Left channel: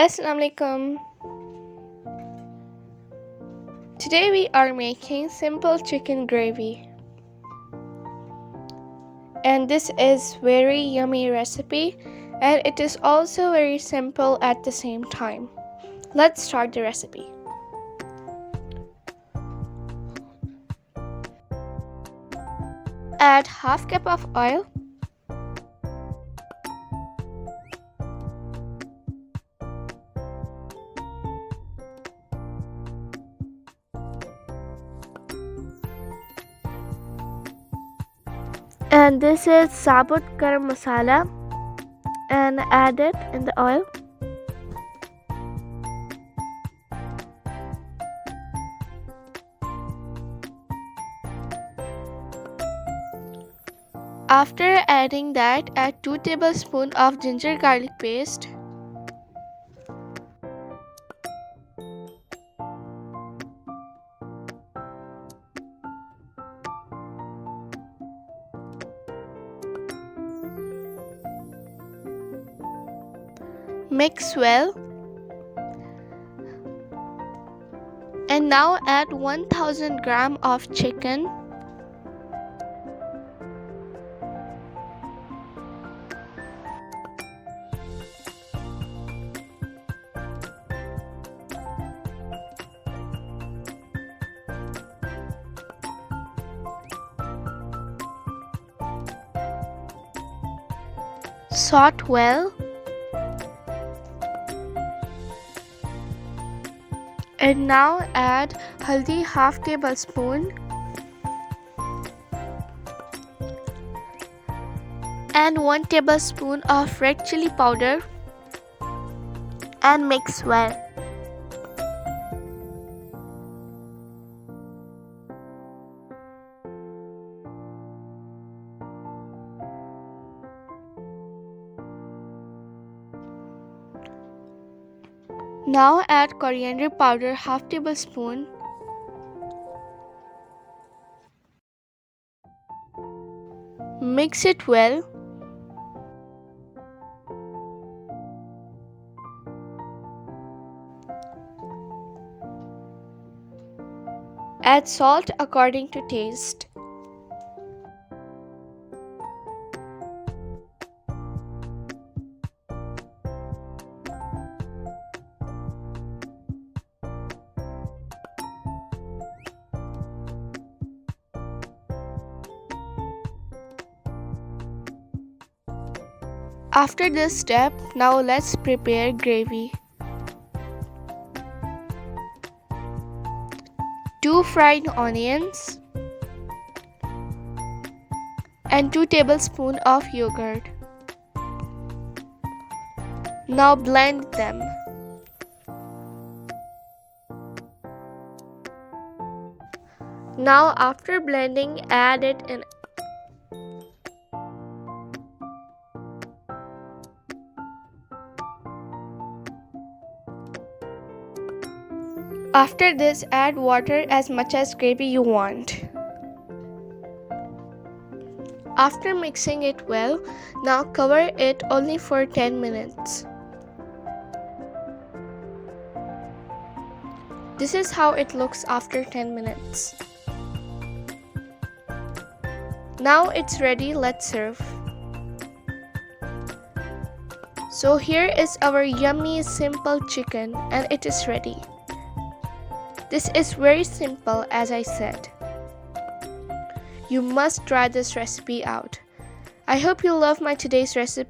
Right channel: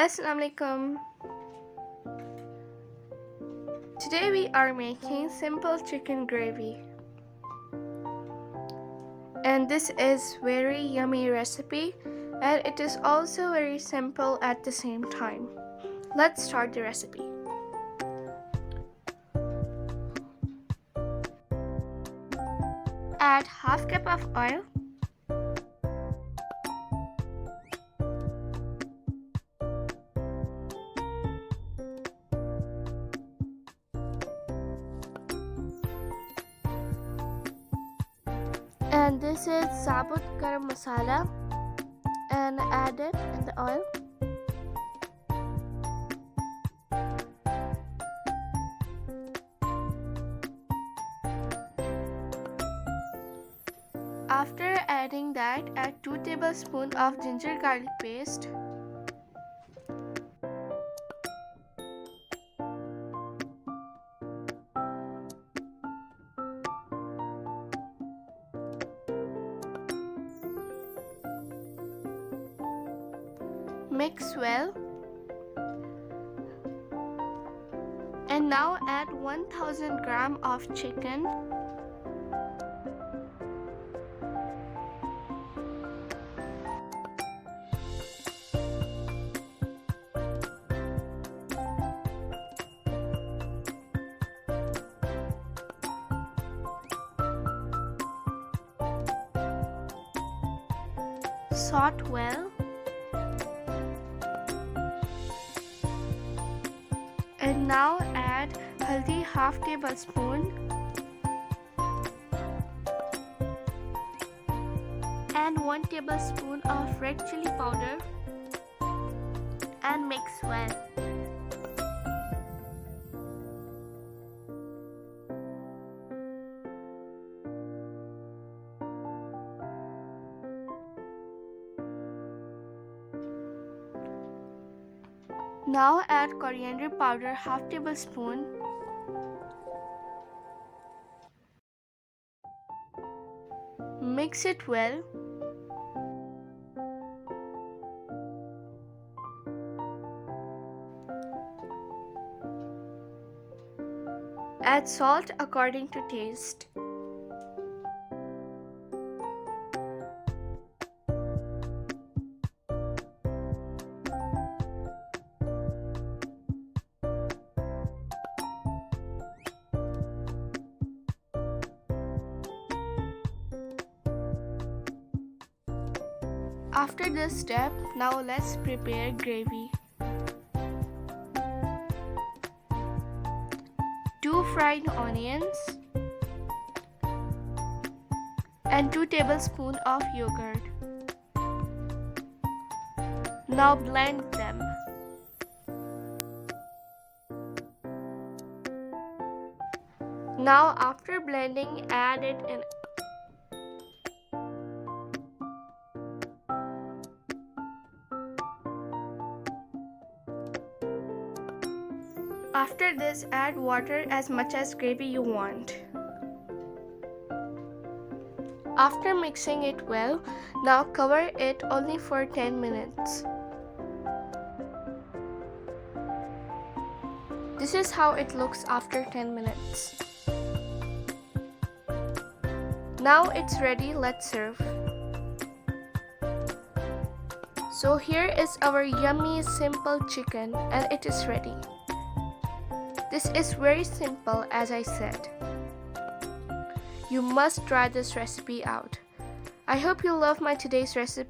Assalamu alaikum. Today we are making simple chicken gravy. And this is very yummy recipe and it is also very simple at the same time. Let's start the recipe. Add half cup of oil. And this is sabut garam masala, and add it in the oil. After adding that, add 2 tablespoons of ginger garlic paste. Mix well. And now add 1000 grams of chicken. Saute well. And now add haldi half tablespoon and 1 tablespoon of red chili powder and mix well. Now add coriander powder half tablespoon. Mix it well. Add salt according to taste. After this step, now let's prepare gravy. 2 fried onions and 2 tablespoons of yogurt. Now blend them. Now after blending, add it in. After this, add water as much as gravy you want. After mixing it well, now cover it only for 10 minutes. This is how it looks after 10 minutes. Now it's ready, let's serve. So here is our yummy simple chicken and it is ready. This is very simple, as I said. You must try this recipe out. I hope you love my today's recipe.